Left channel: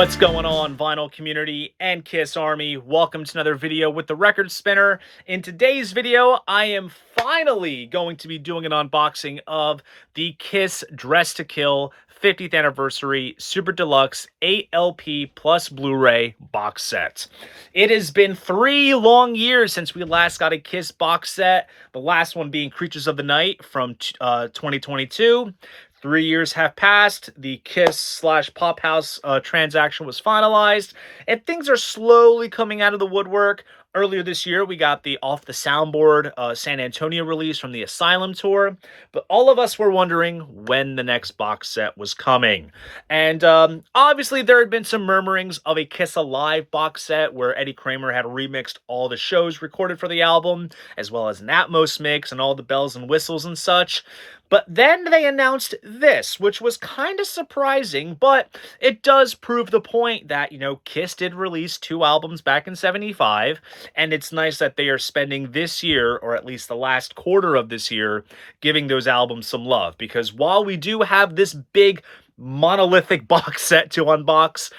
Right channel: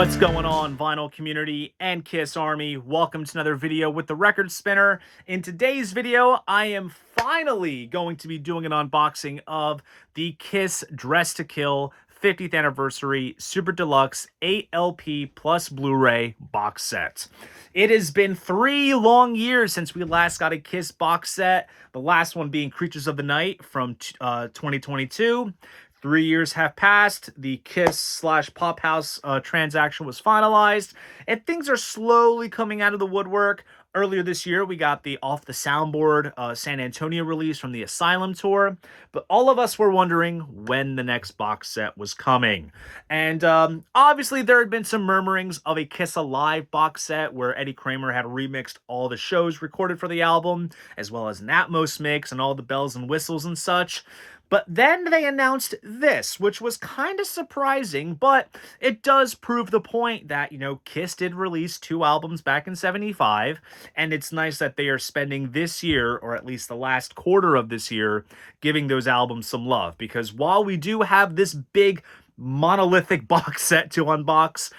What's going on, vinyl community and Kiss Army? Welcome to another video with the Record Spinner. In today's video, I am finally going to be doing an unboxing of the Kiss Dress to Kill 50th Anniversary Super Deluxe 8LP plus Blu-ray box set. It has been 3 long years since we last got a Kiss box set, the last one being Creatures of the Night from 2022. 3 years have passed, the Kiss/Pop House transaction was finalized, and things are slowly coming out of the woodwork. Earlier this year, we got the Off the Soundboard San Antonio release from the Asylum tour, but all of us were wondering when the next box set was coming. And obviously, there had been some murmurings of a Kiss Alive box set where Eddie Kramer had remixed all the shows recorded for the album, as well as an Atmos mix and all the bells and whistles and such. But then they announced this, which was kind of surprising, but it does prove the point that, Kiss did release 2 albums back in '75, and it's nice that they are spending this year, or at least the last quarter of this year, giving those albums some love. Because while we do have this big monolithic box set to unbox,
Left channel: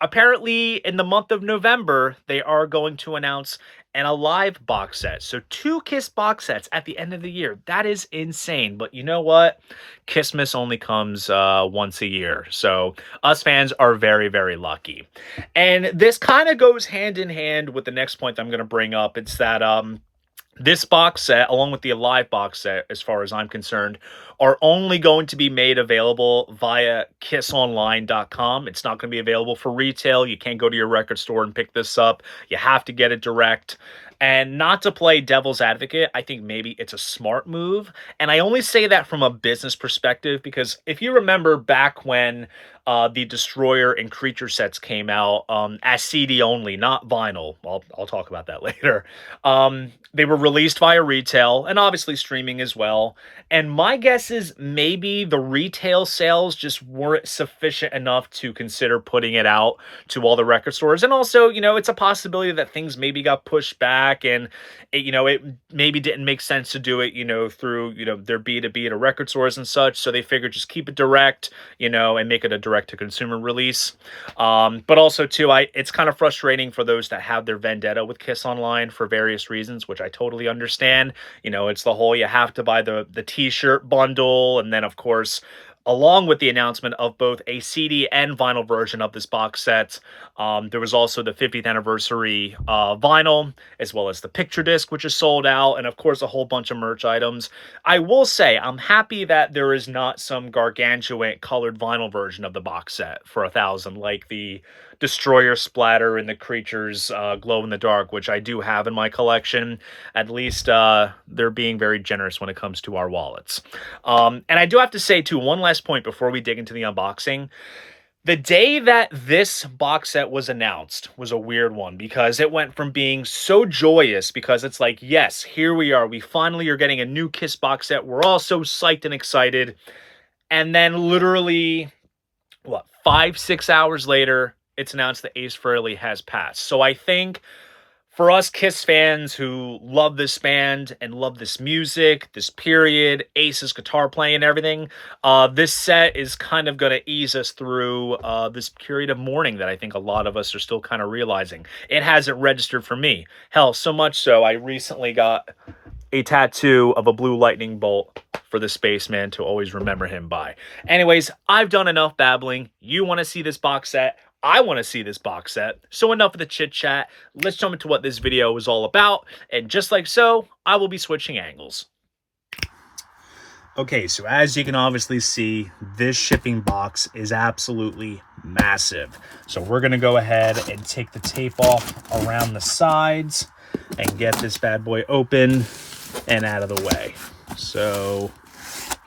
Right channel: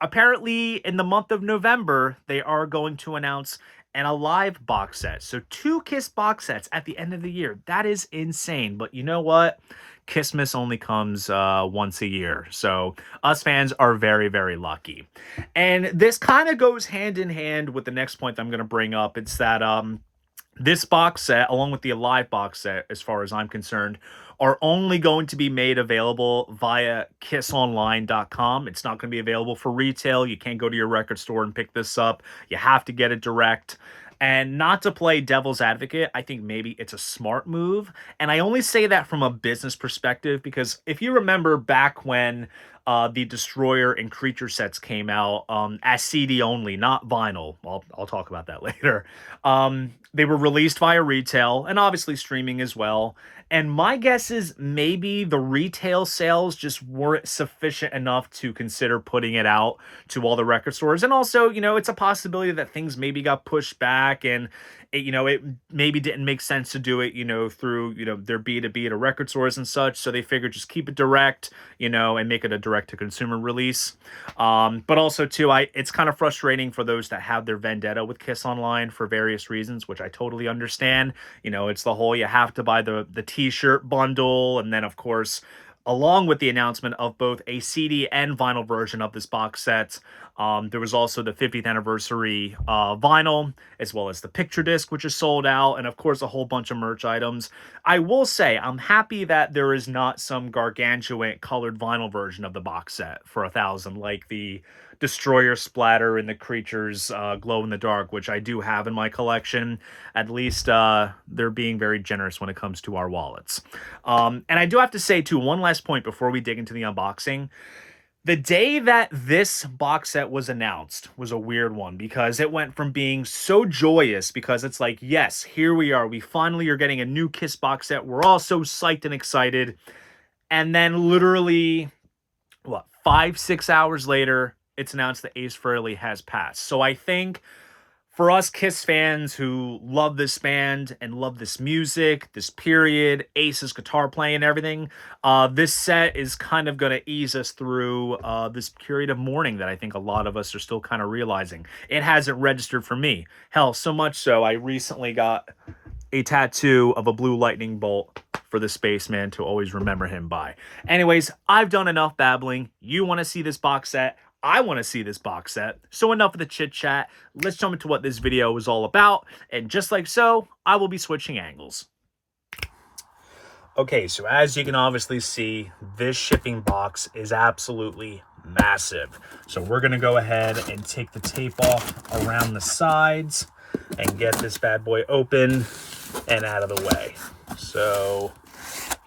apparently in the month of November, they are going to announce an Alive box set. So 2 Kiss box sets at the end of the year. That is insane. But you know what? Kissmas only comes once a year. So us fans are very, very lucky. And this kind of goes hand in hand with the next point I'm going to bring up. It's that this box set, along with the Alive box set, as far as I'm concerned, are only going to be made available via kissonline.com. It's not going to be available for retail. You can't go to your record store and pick this up. You have to get it direct. And not to play devil's advocate, I think maybe it's a smart move. And I only say that from a business perspective because if you remember back when the Destroyer and Creature sets came out as CD only, not vinyl. I'll talk about that later. They were released via retail and obviously streaming as well. And my guess is maybe the retail sales just weren't sufficient enough to consider putting it out to all the record stores. And also, it's a possibility that things maybe got pushed back and it maybe didn't make sense to do it, through, their B2B to record stores and such. So they figured just keep it direct, and make it a direct to consumer release. But also too, it's kind of frustrating for those that have their vendetta with Kiss Online for various reasons, which I totally understand. It's the whole, you have to buy the t-shirt bundle. And then of course, along with the announcement of both a CD and vinyl version of this box set, there was also the 50th anniversary vinyl, as well as the picture disc, which is sold out, and of course a whole bunch of merch items. I will say, I'm happy that there is not some gargantuan colored vinyl version of the box set for $1,000, like the Destroyer splatter and the Creatures glow in the dark, which I do have in my collection. At least they're being very generous when it comes to our wallets. And I do have to say too, one last point before we dig into the unboxing. The day that this box set was announced was a weird one because it went from being so joyous because it's like, yes, here we are. We finally are getting a new Kiss box set. We're all so psyched and excited. And then literally, 5-6 hours later, it's announced that Ace Frehley has passed. So I think for us Kiss fans who love this band and love this music, this period, Ace's guitar playing and everything, this set is kind of going to ease us through this period of mourning that I think a lot of us are still kind of realizing. It hasn't registered for me. Hell, so much so I recently got a tattoo of a blue lightning bolt for the spaceman to always remember him by. Anyways, I've done enough babbling. You want to see this box set? I want to see this box set. So enough of the chit chat. Let's jump into what this video is all about. And just like so, I will be switching angles. Okay, so as you can obviously see, this shipping box is absolutely massive. So we're going to go ahead and take the tape off around the sides and get this bad boy open and out of the way. So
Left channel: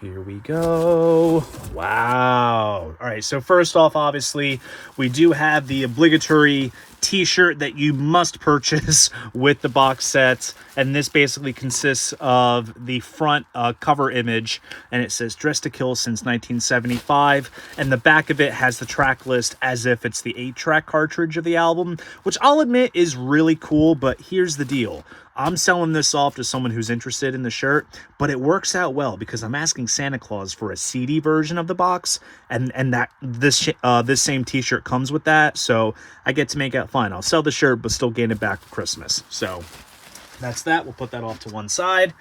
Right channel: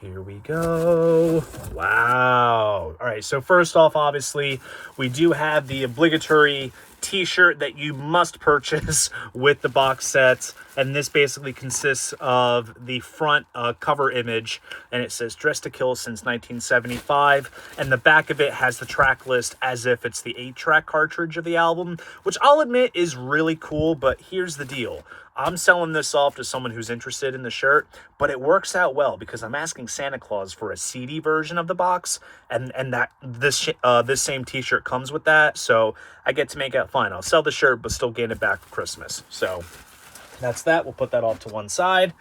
here we go. Wow. All right, so first off, obviously, we do have the obligatory t-shirt that you must purchase with the box set. And this basically consists of the front cover image, and it says Dress to Kill since 1975. And the back of it has the track list as if it's the 8-track cartridge of the album, which I'll admit is really cool, but here's the deal. I'm selling this off to someone who's interested in the shirt, but it works out well because I'm asking Santa Claus for a CD version of the box, and that this same t-shirt comes with that, so I get to make it fine. I'll sell the shirt, but still gain it back for Christmas. So that's that. We'll put that off to one side.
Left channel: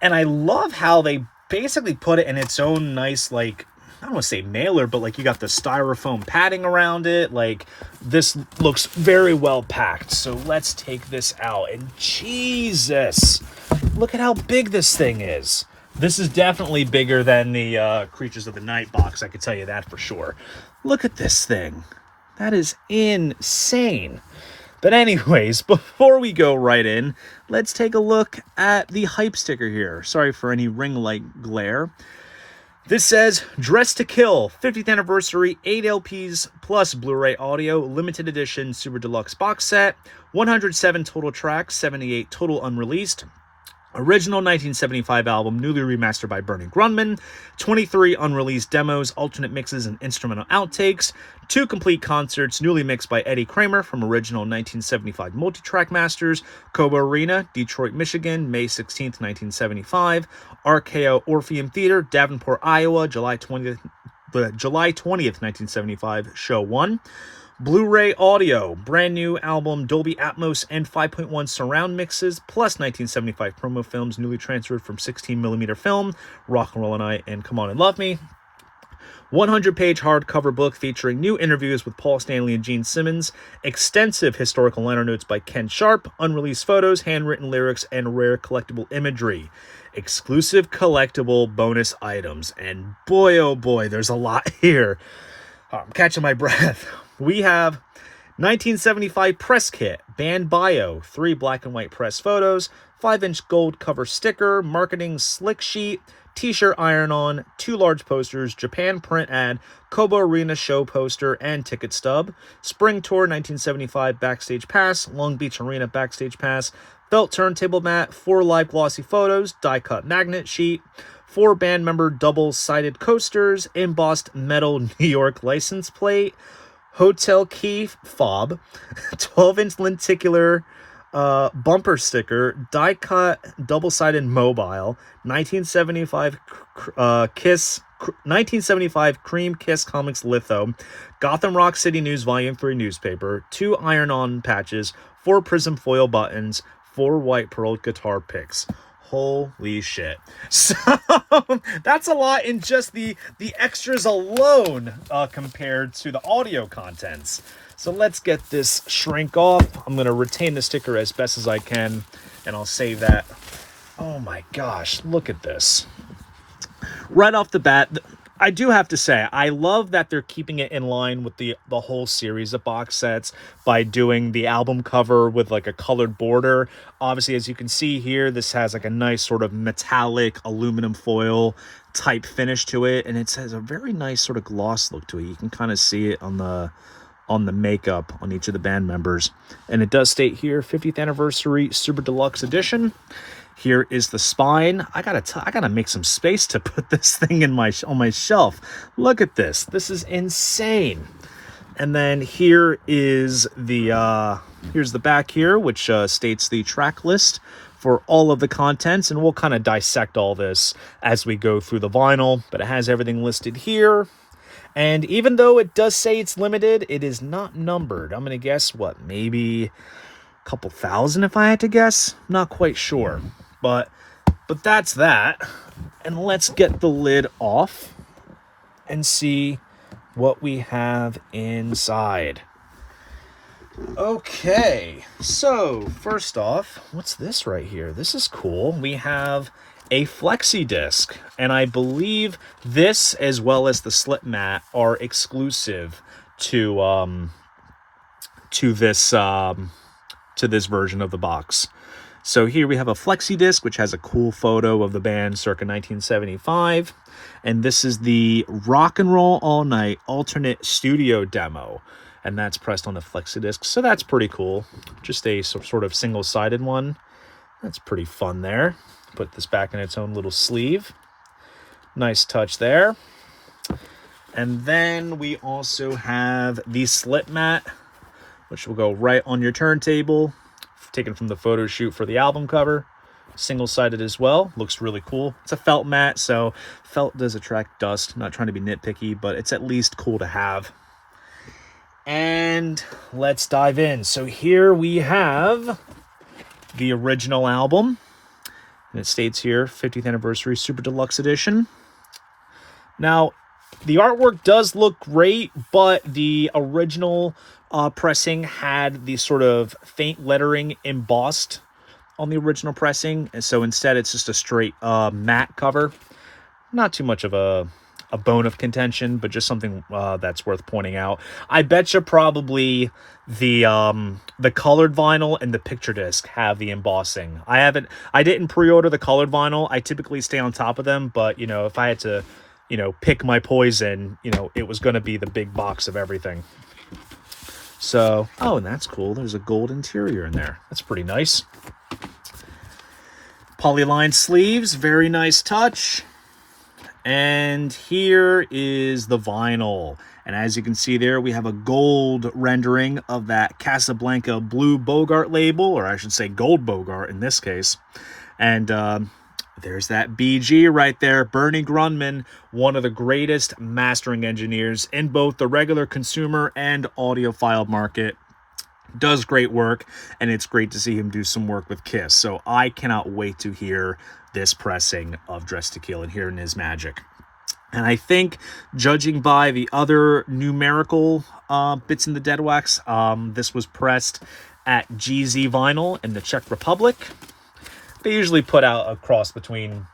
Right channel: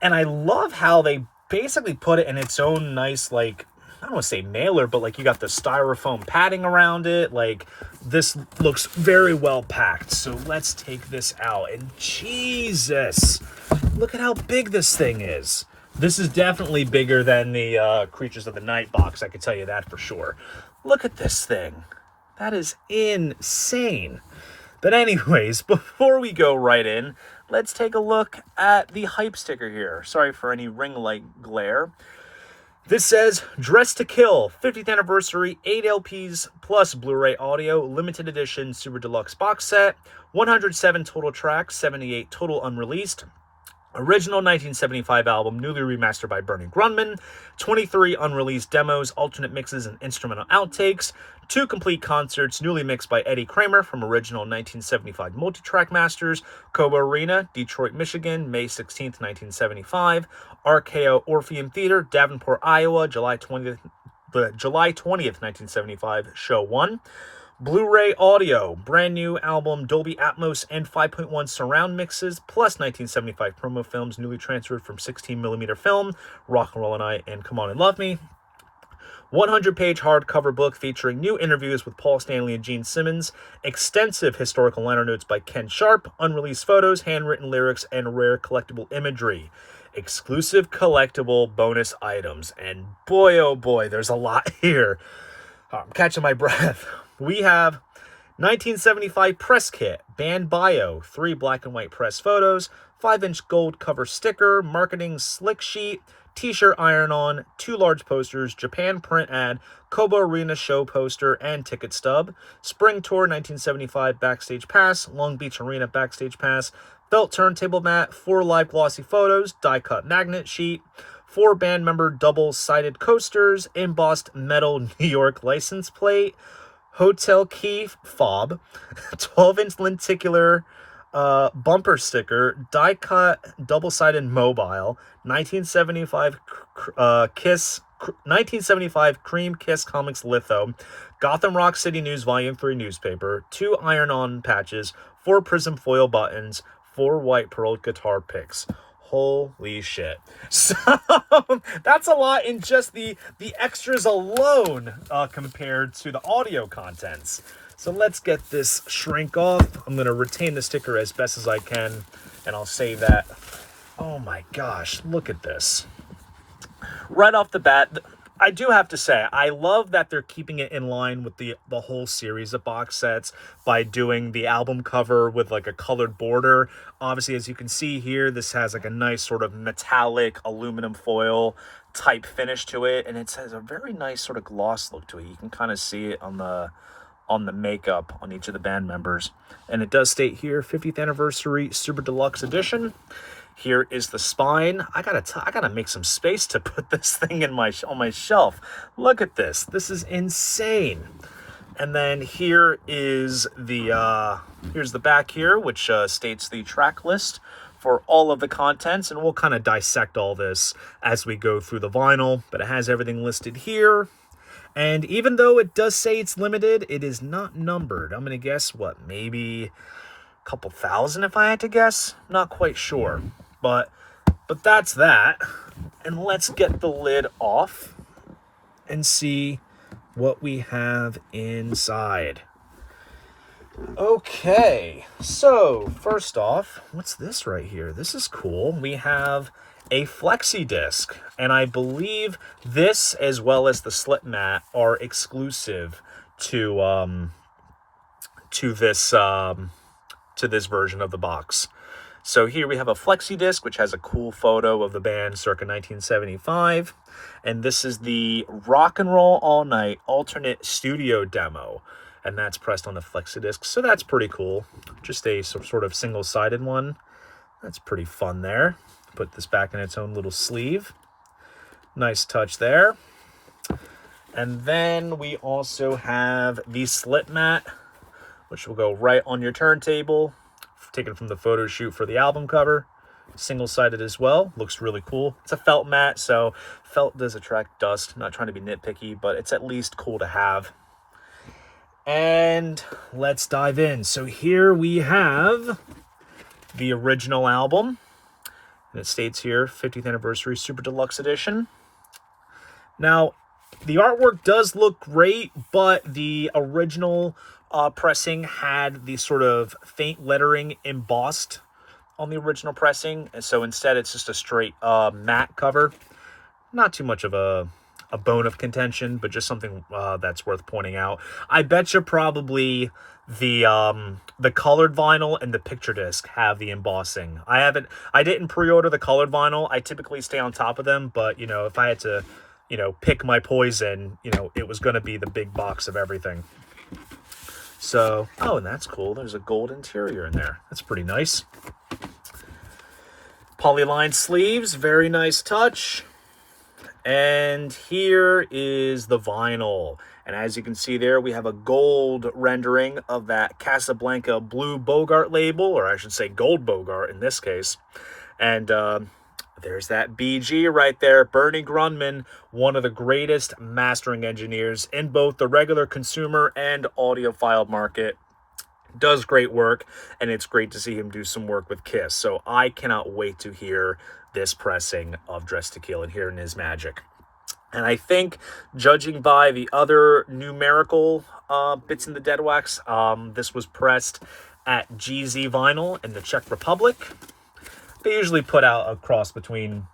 And I love how they basically put it in its own nice, like, I don't want to say mailer, but like you got the styrofoam padding around it. Like, this looks very well packed. So let's take this out. And Jesus, look at how big this thing is. This is definitely bigger than the Creatures of the Night box. I can tell you that for sure. Look at this thing. That is insane. But anyways, before we go right in, let's take a look at the hype sticker here. Sorry for any ring light glare. This says, Dress to Kill, 50th Anniversary 8 LPs plus Blu-ray Audio, Limited Edition Super Deluxe Box Set, 107 total tracks, 78 total unreleased. Original 1975 album, newly remastered by Bernie Grundman, 23 unreleased demos, alternate mixes, and instrumental outtakes, 2 complete concerts, newly mixed by Eddie Kramer from original 1975 multi-track masters, Cobo Arena, Detroit, Michigan, May 16th, 1975, RKO Orpheum Theater, Davenport, Iowa, July 20th, 1975, show 1. Blu-ray Audio, brand new album, Dolby Atmos and 5.1 surround mixes, plus 1975 promo films, newly transferred from 16mm film, Rock and Roll and I, and Come On and Love Me. 100-page hardcover book featuring new interviews with Paul Stanley and Gene Simmons, extensive historical liner notes by Ken Sharp, unreleased photos, handwritten lyrics, and rare collectible imagery. Exclusive collectible bonus items, and boy, oh boy, there's a lot here. I'm catching my breath. We have 1975 press kit, band bio, 3 black and white press photos, 5-inch gold cover sticker, marketing slick sheet, t-shirt iron-on, 2 large posters, Japan print ad, Kobo Arena show poster, and ticket stub, Spring Tour 1975 backstage pass, Long Beach Arena backstage pass, felt turntable mat, 4 live glossy photos, die-cut magnet sheet, 4 band member double-sided coasters, embossed metal New York license plate, hotel key fob, 12-inch lenticular bumper sticker, die-cut double-sided mobile, 1975 1975 Cream Kiss Comics litho, Gotham Rock City News Volume 3 newspaper, 2 iron-on patches, 4 prism foil buttons, 4 white pearled guitar picks. Holy shit. So that's a lot in just the extras alone compared to the audio contents. So let's get this shrink off. I'm going to retain the sticker as best as I can, and I'll save that. Oh my gosh, look at this. Right off the bat, I do have to say, I love that they're keeping it in line with the whole series of box sets by doing the album cover with like a colored border. Obviously, as you can see here, this has like a nice sort of metallic aluminum foil type finish to it, and it has a very nice sort of gloss look to it. You can kind of see it on the makeup on each of the band members. And it does state here, 50th Anniversary Super Deluxe Edition. Here is the spine. I gotta make some space to put this thing on my shelf. Look at this. This is insane. And then here is the here's the back here, which states the track list for all of the contents, and we'll kind of dissect all this as we go through the vinyl. But it has everything listed here. And even though it does say it's limited, it is not numbered. I'm gonna guess what, maybe a couple thousand if I had to guess. Not quite sure. But that's that. And let's get the lid off and see what we have inside. Okay, so first off, what's this right here? This is cool. We have a flexi disc, and I believe this as well as the slip mat are exclusive to this version of the box. So here we have a flexi disc, which has a cool photo of the band circa 1975. And this is the Rock and Roll All Night alternate studio demo. And that's pressed on the flexi disc. So that's pretty cool. Just a sort of single-sided one. That's pretty fun there. Put this back in its own little sleeve. Nice touch there. And then we also have the slip mat, which will go right on your turntable. taken from the photo shoot for the album cover. Single-sided as well. Looks really cool. It's a felt mat, so felt does attract dust. I'm not trying to be nitpicky, but it's at least cool to have. And let's dive in. So here we have the original album. And it states here, 50th Anniversary Super Deluxe Edition. Now, the artwork does look great, but the original pressing had the sort of faint lettering embossed on the original pressing. And so instead, it's just a straight matte cover. Not too much of a bone of contention, but just something that's worth pointing out. I bet you probably the colored vinyl and the picture disc have the embossing. I didn't pre-order the colored vinyl. I typically stay on top of them, but you know, if I had to, you know, pick my poison, you know, it was going to be the big box of everything. So, oh, and that's cool. There's a gold interior in there. That's pretty nice. Polyline sleeves, very nice touch. And here is the vinyl. And as you can see there, we have a gold rendering of that Casablanca Blue Bogart label, or I should say Gold Bogart in this case. And there's that BG right there, Bernie Grundman, one of the greatest mastering engineers in both the regular consumer and audiophile market. Does great work, and it's great to see him do some work with Kiss. So I cannot wait to hear this pressing of Dressed to Kill and hearing his magic. And I think, judging by the other numerical bits in the dead wax, this was pressed at GZ Vinyl in the Czech Republic. They usually put out a cross between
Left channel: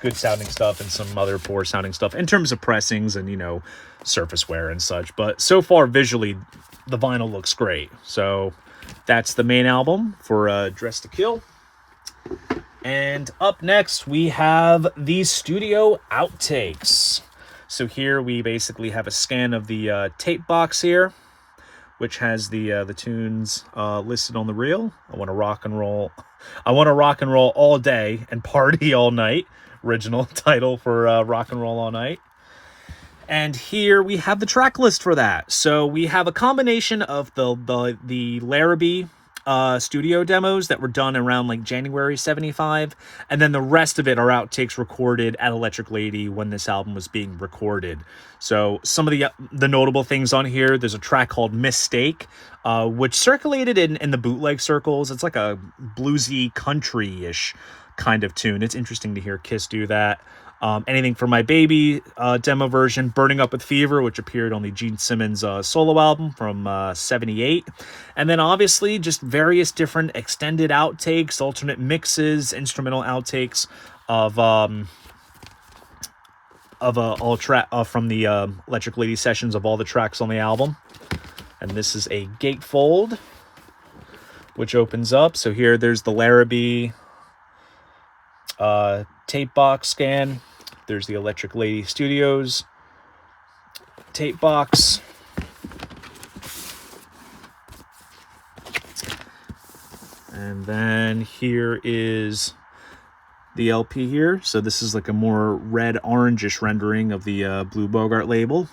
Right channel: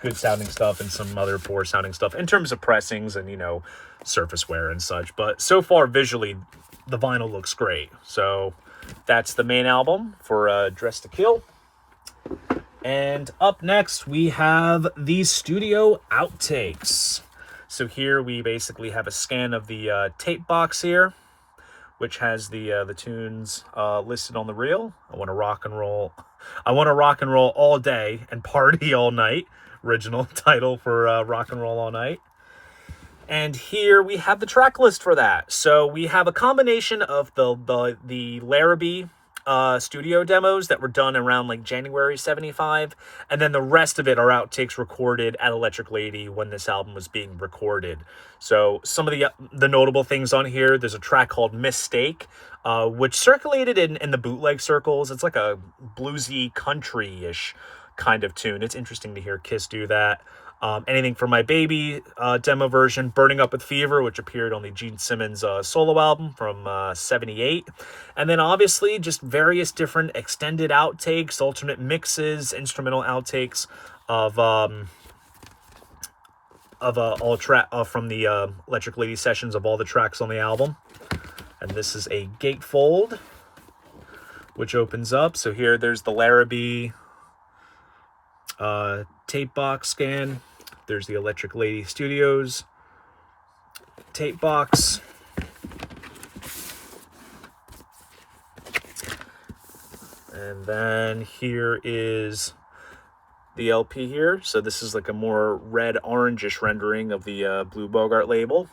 good sounding stuff and some other poor sounding stuff in terms of pressings and, you know, surface wear and such. But so far, visually, the vinyl looks great. So that's the main album for Dressed to Kill. And up next, we have the studio outtakes. So here we basically have a scan of the tape box here, which has the tunes listed on the reel. I want to rock and roll. I want to rock and roll all day and party all night. Original title for Rock and Roll All Night. And here we have the track list for that. So we have a combination of the Larrabee studio demos that were done around like January 75, and then the rest of it are outtakes recorded at Electric Lady when this album was being recorded. So some of the notable things on here, there's a track called Mistake, which circulated in the bootleg circles. It's like a bluesy country-ish kind of tune. It's interesting to hear Kiss do that. Anything for My Baby demo version, Burning Up with Fever, which appeared on the Gene Simmons solo album from 78. And then obviously just various different extended outtakes, alternate mixes, instrumental outtakes of all track from the Electric Lady sessions of all the tracks on the album. And this is a gatefold, which opens up. So here there's the Larrabee tape box scan. There's the Electric Lady Studios tape box. And then here is the LP here. So this is like a more red orangish rendering of the Blue Bogart label.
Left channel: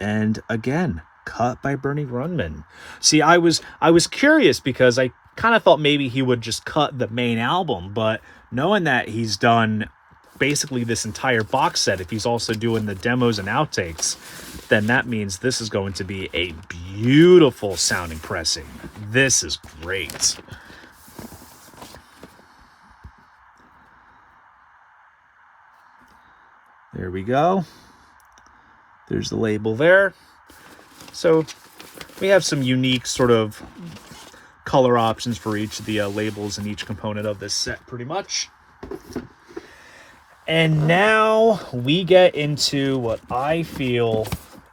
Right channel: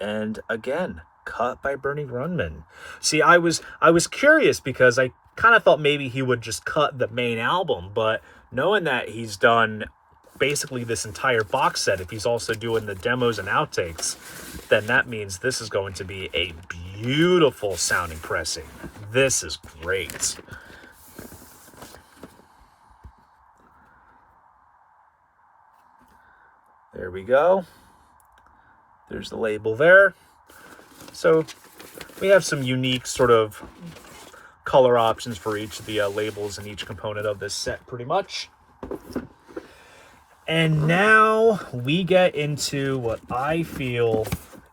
And again, cut by Bernie Grundman. See, I was curious because I kind of thought maybe he would just cut the main album, but knowing that he's done basically this entire box set, if he's also doing the demos and outtakes, then that means this is going to be a beautiful sounding pressing. This is great. There we go. There's the label there. So we have some unique sort of color options for each of the labels and each component of this set pretty much. And now we get into what I feel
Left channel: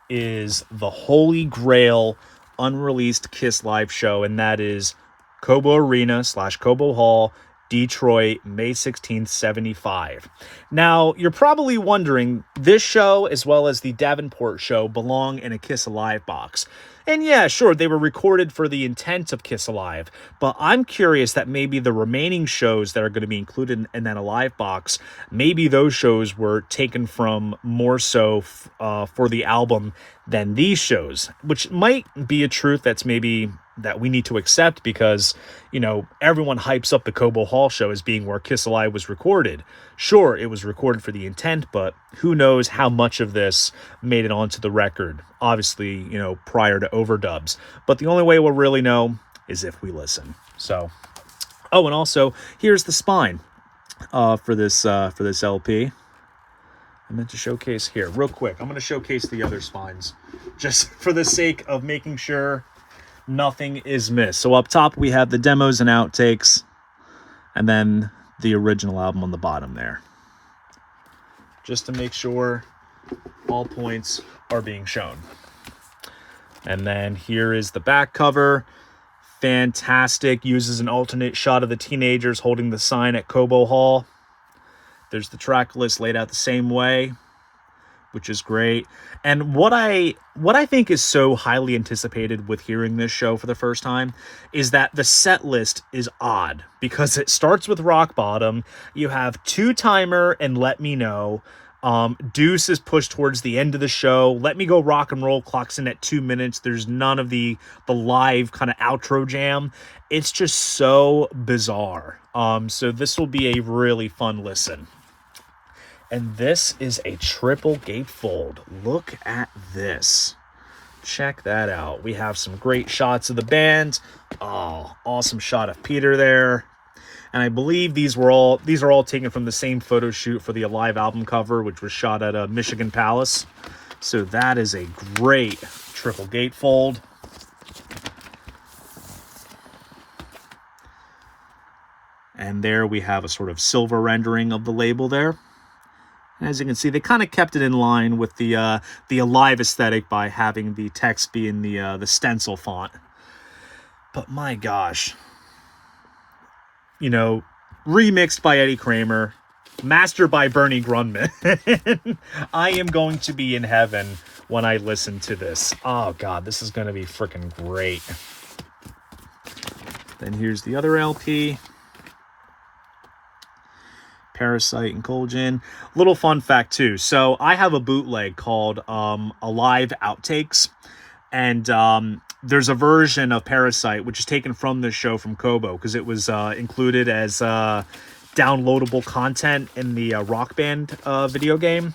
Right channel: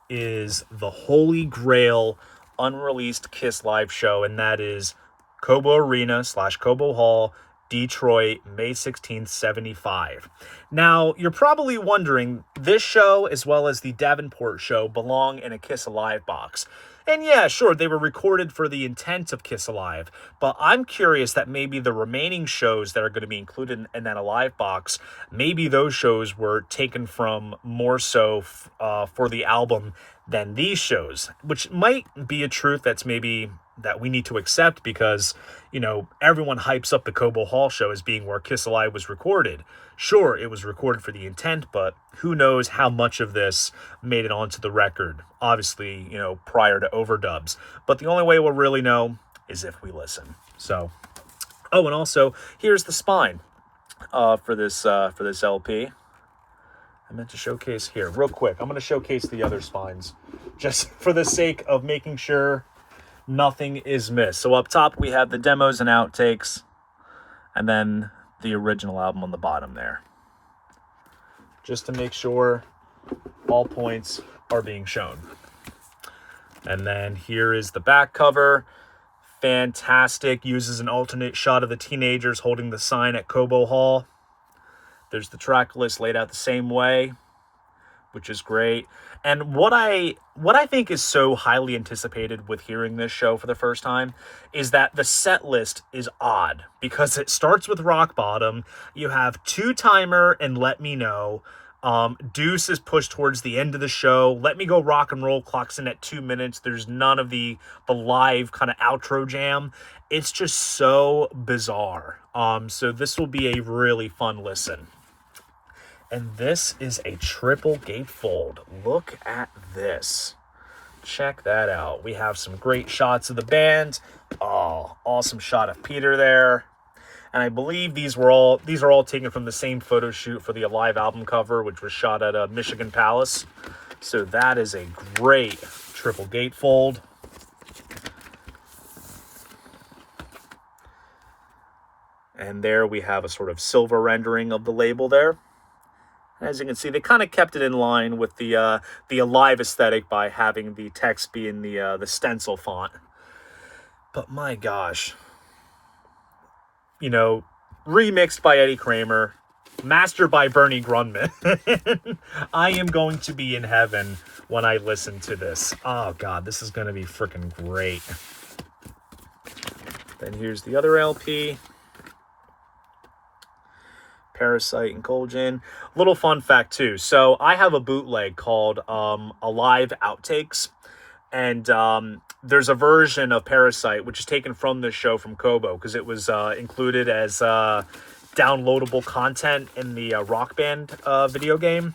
is the holy grail unreleased Kiss live show, and that is Cobo Arena / Cobo Hall, Detroit, May 16th, 75. Now, you're probably wondering, this show as well as the Davenport show belong in a Kiss Alive box. And yeah, sure, they were recorded for the intent of Kiss Alive, but I'm curious that maybe the remaining shows that are going to be included in that Alive box, maybe those shows were taken from more so for the album than these shows, which might be a truth that's maybe that we need to accept because, you know, everyone hypes up the Cobo Hall show as being where Kiss Alive was recorded. Sure, it was recorded for the intent, but who knows how much of this made it onto the record. Obviously, you know, prior to overdubs. But the only way we'll really know is if we listen. So, oh, and also, here's the spine for this LP. I meant to showcase here real quick. I'm going to showcase the other spines just for the sake of making sure nothing is missed. So up top we have the demos and outtakes, and then the original album on the bottom there, just to make sure all points are being shown. And then here is the back cover. Fantastic. Uses an alternate shot of the teenagers holding the sign at Cobo Hall. There's the track list laid out the same way, which is great. And what I think is so highly anticipated with hearing this show for the first time is that the set list is odd because it starts with Rock Bottom. You have Two Timer and Let Me Know. Deuce is pushed towards the end of the show. Let Me Go Rock and Roll clocks in at 2 minutes. There's none of the live kind of outro jam. It's just so bizarre. So this will be a really fun listen. And this is a triple gatefold. Look at this. Check that out. We have some great shots of the band. Oh, awesome shot of Peter there. And I believe these are all taken from the same photo shoot for the Alive album cover, which was shot at Michigan Palace. So that is a great triple gatefold. And there we have a sort of silver rendering of the label there. And as you can see, they kind of kept it in line with the Alive aesthetic by having the text be in the stencil font. But my gosh, you know, remixed by Eddie Kramer, mastered by Bernie Grundman. I am going to be in heaven when I listen to this. Oh God, this is going to be freaking great. Then here's the other LP. Parasite and Colgin. Little fun fact too. So I have a bootleg called Alive Outtakes. And there's a version of Parasite, which is taken from this show from Cobo, because it was included as downloadable content in the Rock Band video game.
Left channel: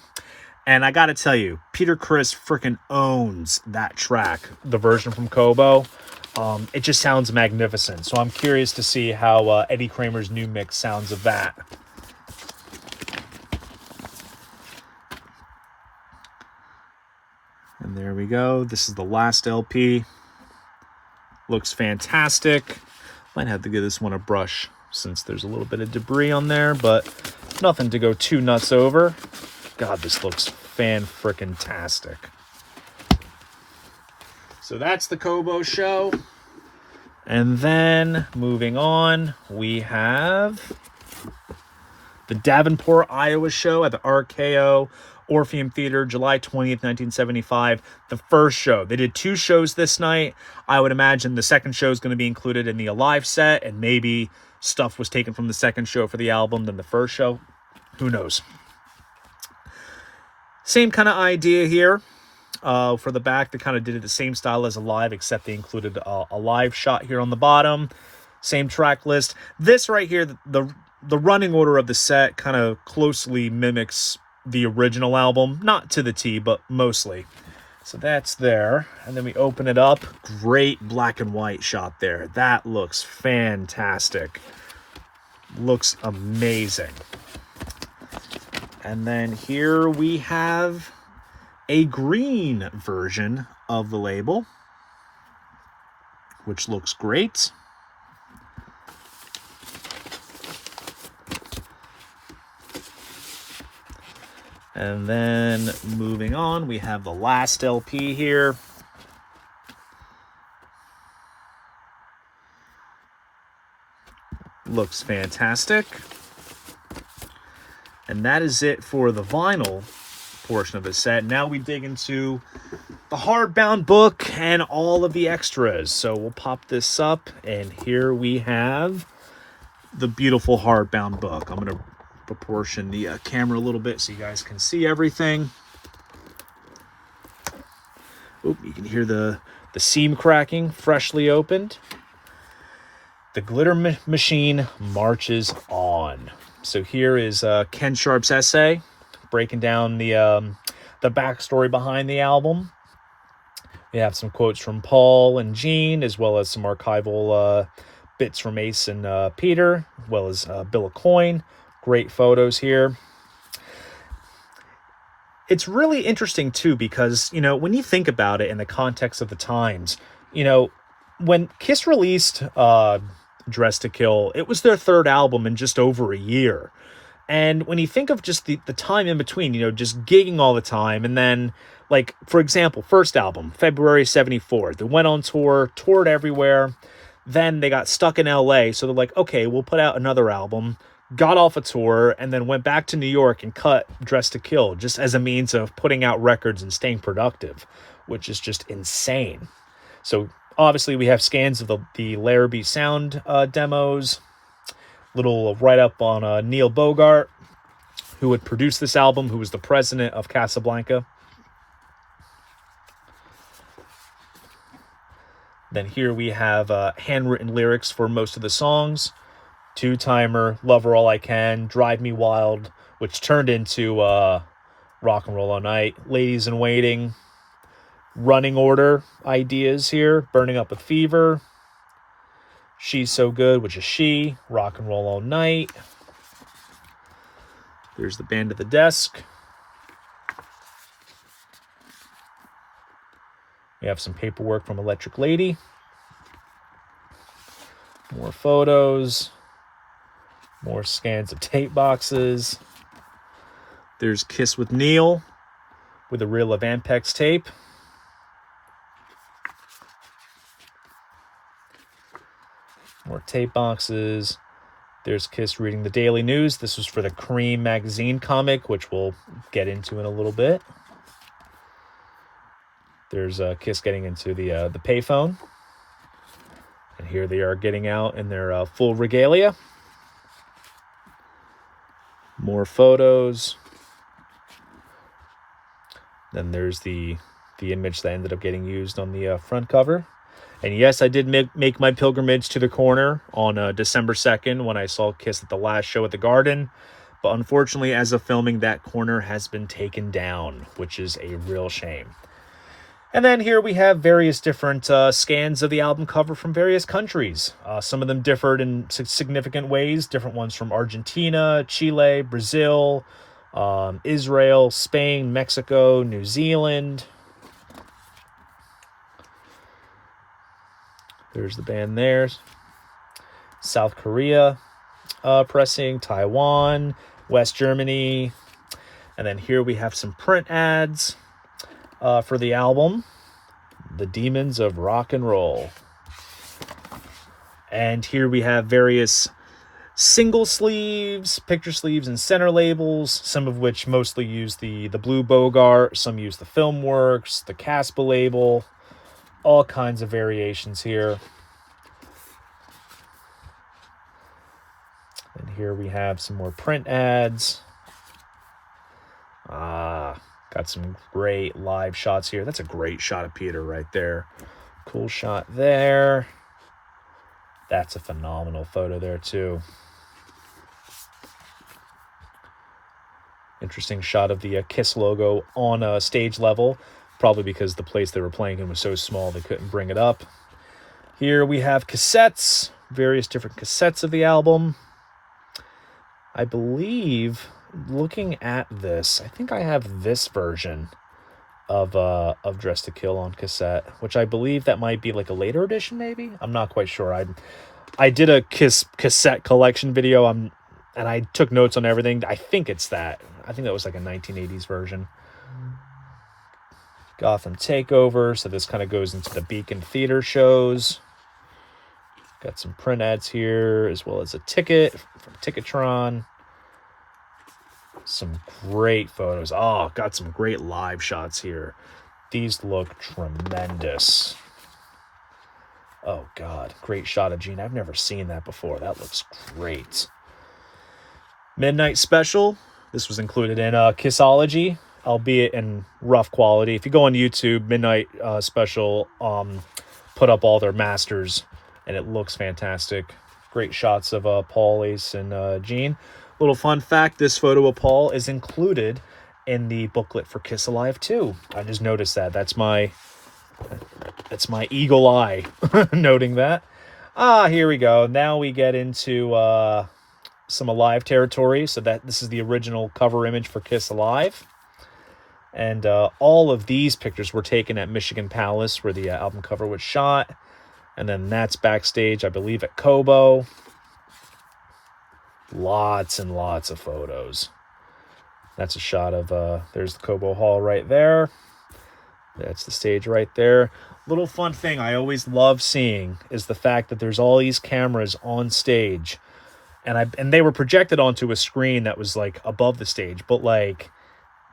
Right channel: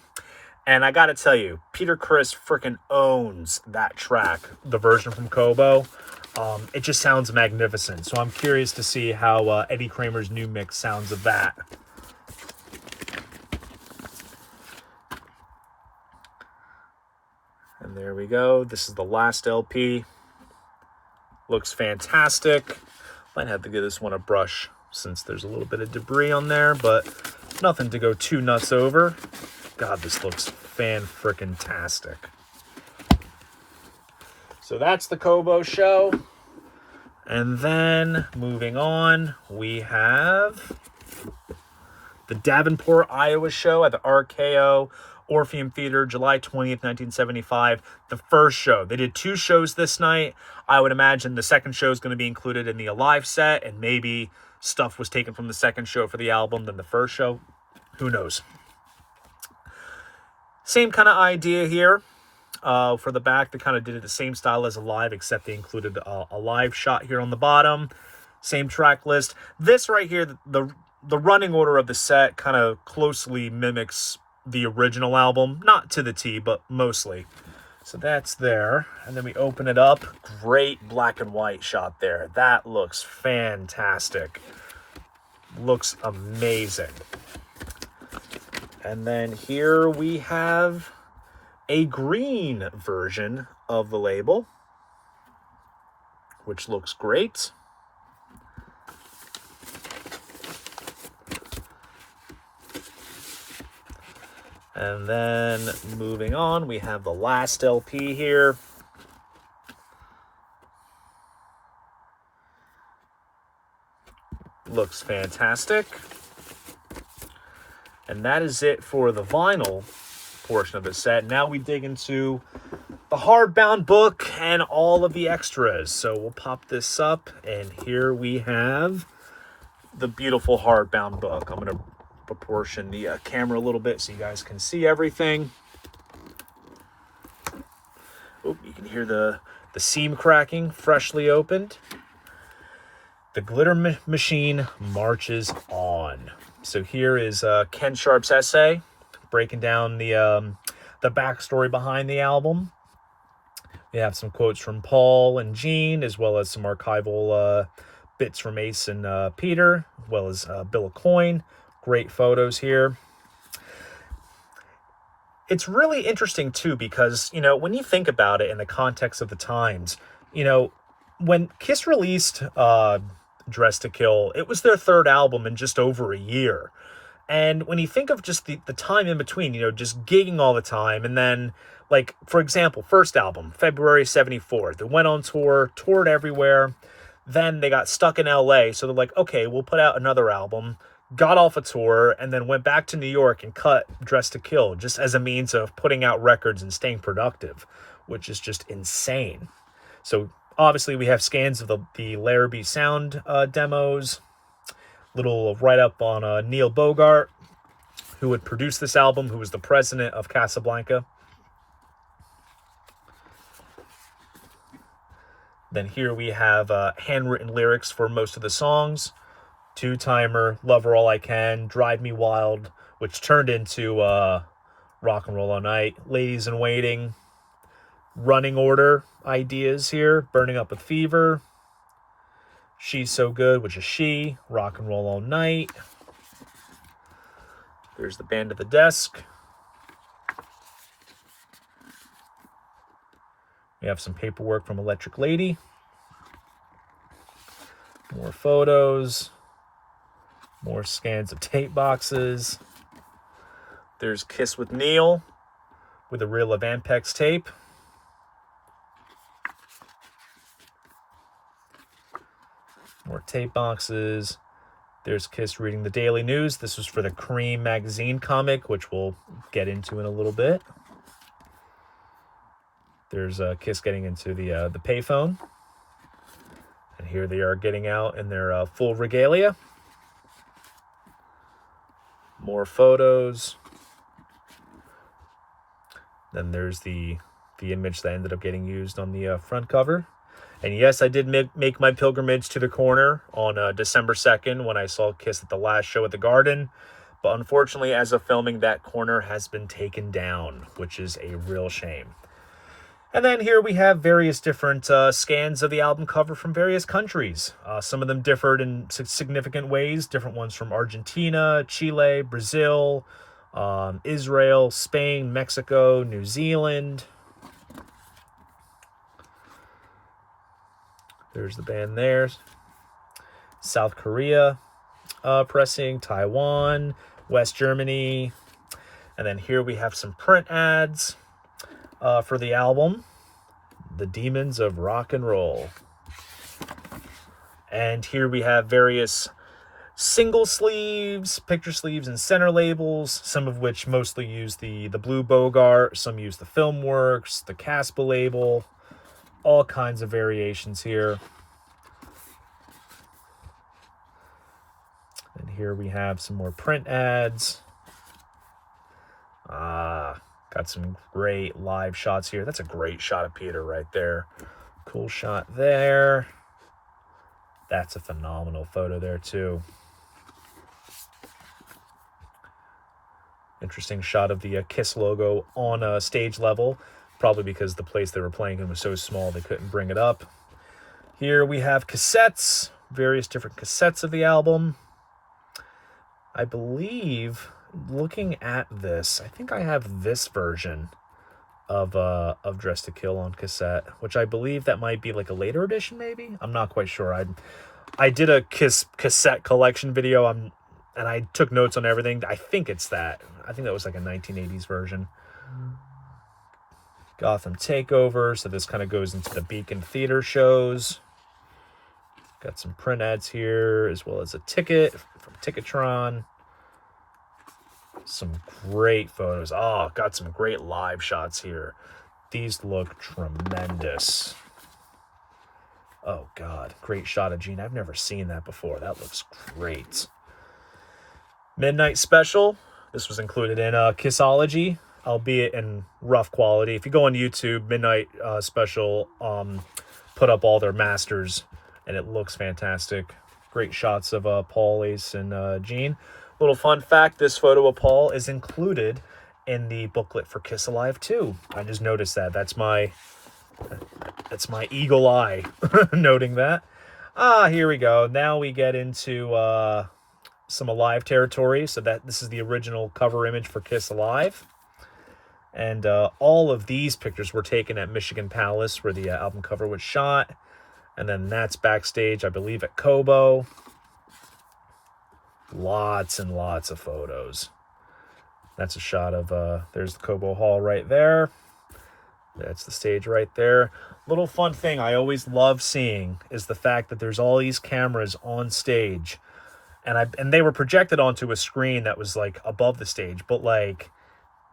And I gotta tell you, Peter Criss freaking owns that track, the version from Cobo. It just sounds magnificent. So I'm curious to see how Eddie Kramer's new mix sounds of that. And there we go. This is the last LP. Looks fantastic. Might have to give this one a brush since there's a little bit of debris on there, but nothing to go too nuts over. God, this looks fan-frickin-tastic. So that's the Cobo show. And then moving on, we have the Davenport, Iowa show at the RKO Orpheum Theater, July 20th, 1975. The first show. They did 2 shows this night. I would imagine the second show is going to be included in the Alive set, and maybe stuff was taken from the second show for the album than the first show. Who knows? Same kind of idea here. For the back, they kind of did it the same style as Alive, except they included a live shot here on the bottom. Same track list. This right here, the running order of the set kind of closely mimics the original album. Not to the T, but mostly. So that's there. And then we open it up. Great black and white shot there. That looks fantastic. Looks amazing. And then here we have a green version of the label, which looks great. And then moving on, we have the last LP here. Looks fantastic. And that is it for the vinyl portion of the set. Now we dig into the hardbound book and all of the extras. So we'll pop this up, and here we have the beautiful hardbound book. I'm going to proportion the camera a little bit so you guys can see everything. Oh, you can hear the seam cracking, freshly opened. The glitter machine marches on. So here is Ken Sharp's essay, breaking down the backstory behind the album. We have some quotes from Paul and Gene, as well as some archival bits from Ace and Peter, as well as Bill Coyne. Great photos here. It's really interesting, too, because, you know, when you think about it in the context of the times, you know, when Kiss released Dress to Kill, it was their third album in just over a year. And when you think of just the time in between, you know, just gigging all the time, and then, like, for example, first album, February 74, they went on tour, toured everywhere, then they got stuck in LA, so they're like, okay, we'll put out another album, got off a tour, and then went back to New York and cut Dress to Kill, just as a means of putting out records and staying productive, which is just insane. So obviously we have scans of the Larrabee Sound demos, little write-up on Neil Bogart, who would produce this album, who was the president of Casablanca. Then here we have handwritten lyrics for most of the songs. Two-timer, Love Her All I Can, Drive Me Wild, which turned into Rock and Roll All Night, Ladies in Waiting, running order ideas here, Burning Up with Fever, She's So Good, which is She, Rock and Roll All Night. There's the band at the desk. We have some paperwork from Electric Lady. More photos. More scans of tape boxes. There's Kiss with Neil with a reel of Ampex tape. More tape boxes. There's Kiss reading the Daily News. This was for the Cream magazine comic, which we'll get into in a little bit. There's Kiss getting into the payphone. And here they are getting out in their full regalia. More photos. Then there's the image that ended up getting used on the front cover. And yes, I did make my pilgrimage to the corner on December 2nd when I saw Kiss at the last show at the Garden. But unfortunately, as of filming, that corner has been taken down, which is a real shame. And then here we have various different scans of the album cover from various countries. Some of them differed in significant ways. Different ones from Argentina, Chile, Brazil, Israel, Spain, Mexico, New Zealand. There's the band there. South Korea pressing, Taiwan, West Germany. And then here we have some print ads for the album, The Demons of Rock and Roll. And here we have various single sleeves, picture sleeves, and center labels, some of which mostly use the Blue Bogart, some use the Filmworks, the Caspa label, all kinds of variations here. And here we have some more print ads. Got some great live shots here. That's a great shot of Peter right there. Cool shot there. That's a phenomenal photo there too. Interesting shot of the Kiss logo on a stage level, probably because the place they were playing in was so small they couldn't bring it up. Here we have cassettes, various different cassettes of the album. I believe, looking at this, I think I have this version of Dress to Kill on cassette, which I believe that might be like a later edition, maybe? I'm not quite sure. I did a Kiss cassette collection video, and I took notes on everything. I think it's that. I think that was like a 1980s version. Gotham Takeover, so this kind of goes into the Beacon Theater shows. Got some print ads here, as well as a ticket from Ticketron. Some great photos. Oh, got some great live shots here. These look tremendous. Oh, God. Great shot of Gene. I've never seen that before. That looks great. Midnight Special. This was included in Kissology albeit in rough quality. If you go on YouTube, Midnight Special put up all their masters, and it looks fantastic. Great shots of Paul, Ace, and Gene. Little fun fact, this photo of Paul is included in the booklet for Kiss Alive 2. I just noticed that. That's my eagle eye noting that. Here we go. Now we get into some Alive territory. So this is the original cover image for Kiss Alive. And all of these pictures were taken at Michigan Palace, where the album cover was shot. And then that's backstage, I believe, at Kobo. Lots and lots of photos. That's a shot of, there's the Kobo Hall right there. That's the stage right there. Little fun thing I always love seeing is the fact that there's all these cameras on stage. And they were projected onto a screen that was, like, above the stage. But, like,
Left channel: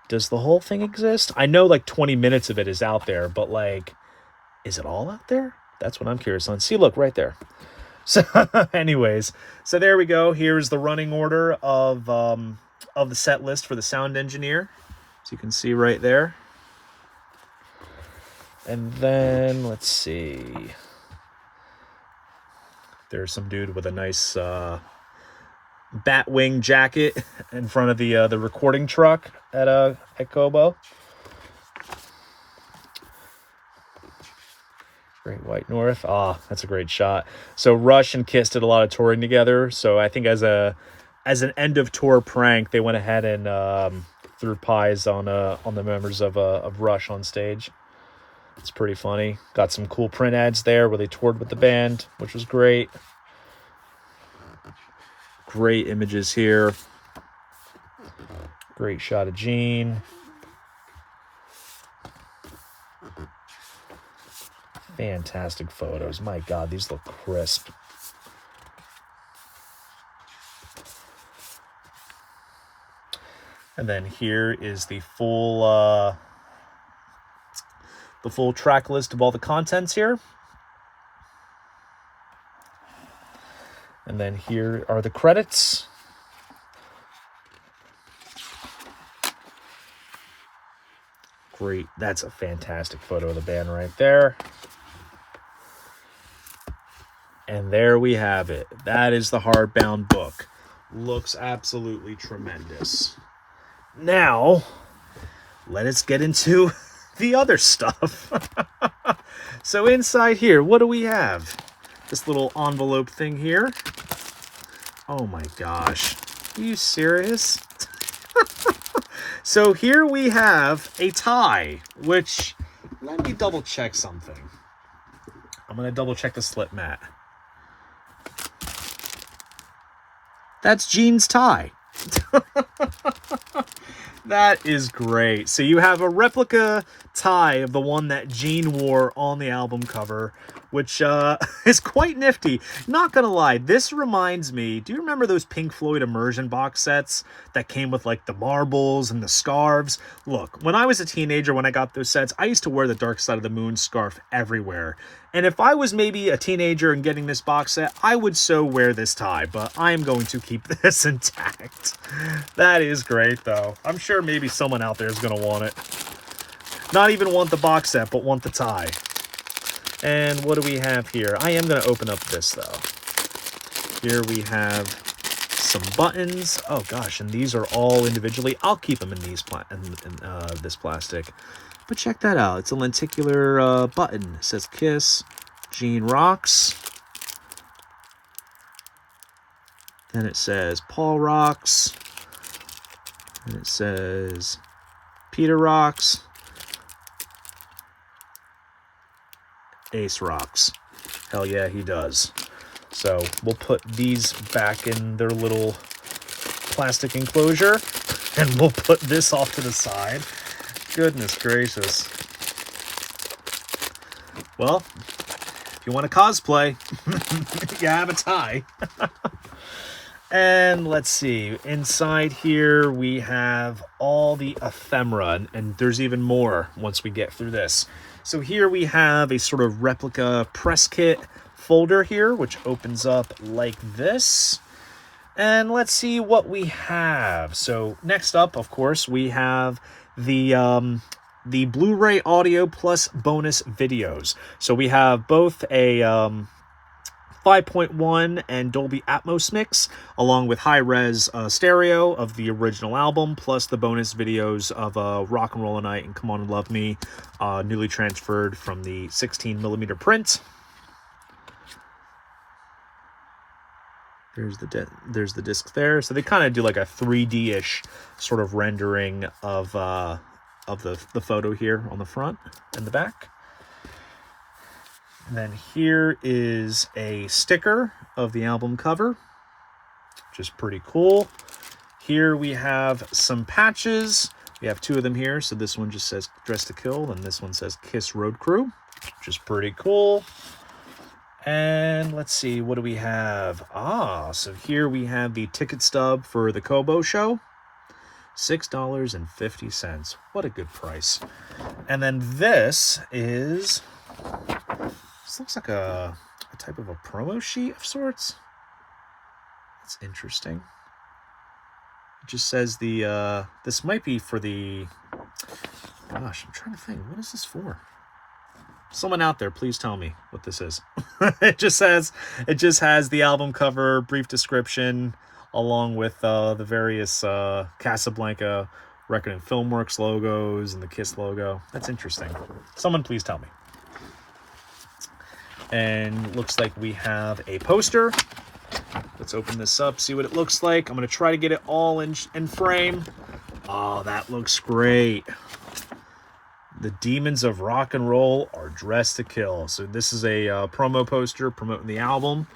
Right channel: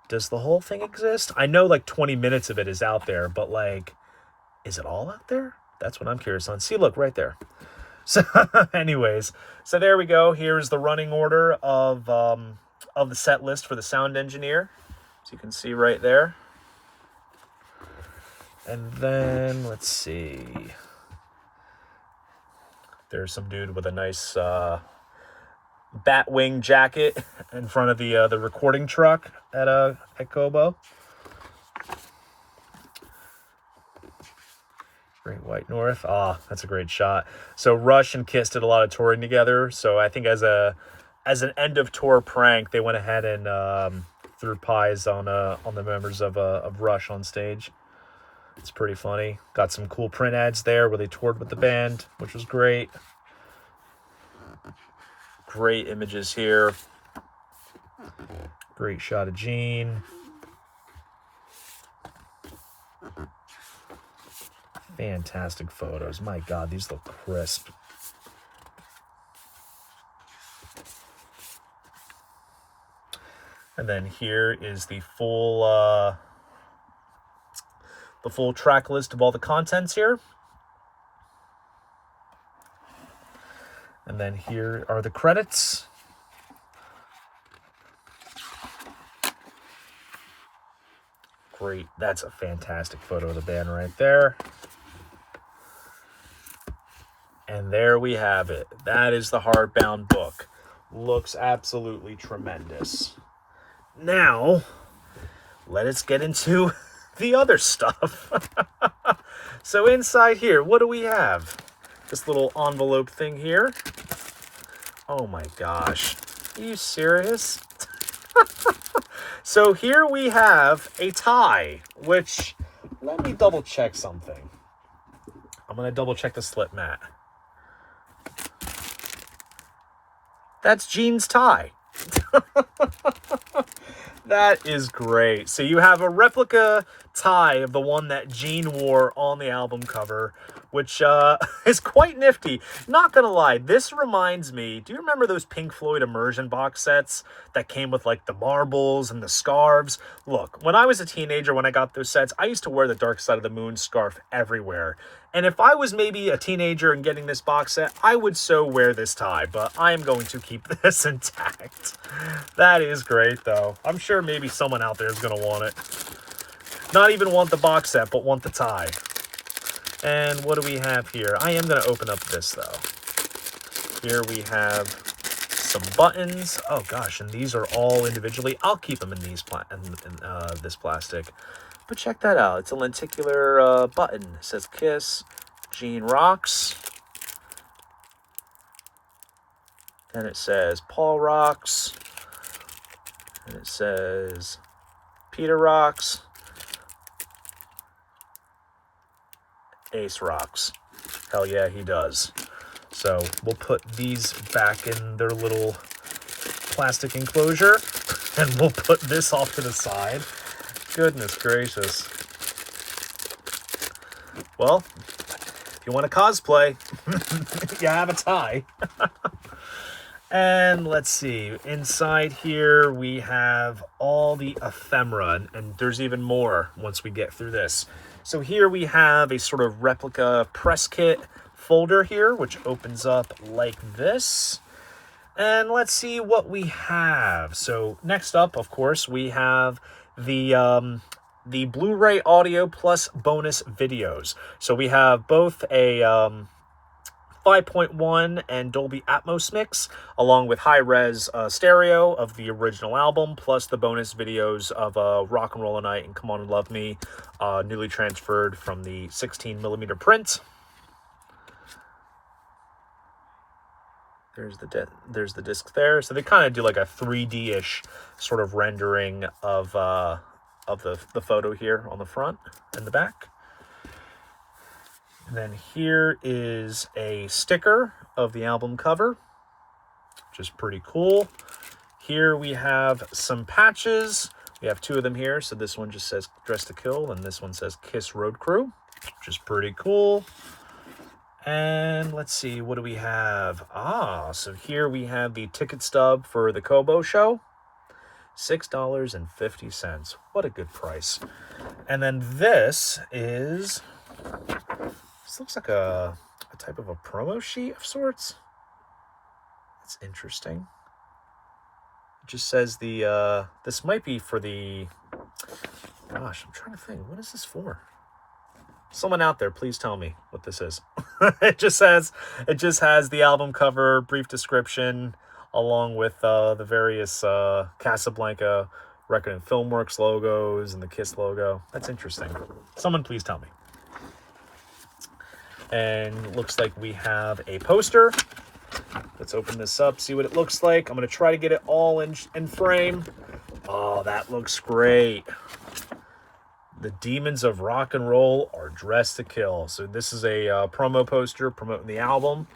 does the whole thing exist? I know, like, 20 minutes of it is out there. But, like, is it all out there? That's what I'm curious on. See, look, right there. So, anyways, so there we go. Here's the running order of the set list for the sound engineer. So you can see right there. And then, let's see. There's some dude with a nice Batwing jacket in front of the recording truck at Kobo. Great White North. That's a great shot. So Rush and Kiss did a lot of touring together. So I think as an end of tour prank, they went ahead and threw pies on the members of Rush on stage. It's pretty funny. Got some cool print ads there where they toured with the band, which was great. Great images here. Great shot of Gene. Fantastic photos. My God, these look crisp. And then here is the full track list of all the contents here. And then here are the credits. Great. That's a fantastic photo of the band right there. And there we have it. That is the hardbound book. Looks absolutely tremendous. Now, let us get into the other stuff. So inside here, what do we have? This little envelope thing here. Oh my gosh. Are you serious? So here we have a tie, which, let me double check something. I'm going to double check the slip mat. That's Gene's tie. That is great. So you have a replica tie of the one that Gene wore on the album cover, which is quite nifty. Not gonna lie, this reminds me, do you remember those Pink Floyd Immersion box sets that came with like the marbles and the scarves? Look, when I was a teenager, when I got those sets, I used to wear the Dark Side of the Moon scarf everywhere. And if I was maybe a teenager and getting this box set, I would so wear this tie, but I'm going to keep this intact. That is great, though. I'm sure maybe someone out there is going to want it. Not even want the box set, but want the tie. And what do we have here? I am going to open up this, though. Here we have some buttons. Oh, gosh, and these are all individually. I'll keep them in these this plastic. But check that out. It's a lenticular button. It says Kiss, Gene Rocks. Then it says Paul Rocks. And it says Peter Rocks. Ace Rocks. Hell yeah, he does. So we'll put these back in their little plastic enclosure. And we'll put this off to the side. Goodness gracious. Well, if you want to cosplay, you have a tie. And let's see. Inside here, we have all the ephemera, and there's even more once we get through this. So here we have a sort of replica press kit folder here, which opens up like this. And let's see what we have. So next up, of course, we have the Blu-ray audio plus bonus videos. So we have both a 5.1 and Dolby Atmos mix, along with high-res stereo of the original album, plus the bonus videos of Rock and Roll Night and Come On and Love Me, newly transferred from the 16mm print. There's the disc there. So they kind of do like a 3D-ish sort of rendering of the photo here on the front and the back. And then here is a sticker of the album cover, which is pretty cool. Here we have some patches. We have two of them here. So this one just says Dress to Kill, and this one says Kiss Road Crew, which is pretty cool. And let's see, what do we have? So here we have the ticket stub for the Kobo show. $6.50. What a good price. And then this looks like a type of a promo sheet of sorts. That's interesting. It just says this might be for the, gosh, I'm trying to think, what is this for? Someone out there, please tell me what this is. It just has the album cover, brief description, along with the various Casablanca Record and Filmworks logos and the Kiss logo. That's interesting. Someone please tell me. And looks like we have a poster. Let's open this up, see what it looks like. I'm going to try to get it all in frame. Oh, that looks great. The Demons of Rock and Roll are dressed to kill. So this is a promo poster promoting the album.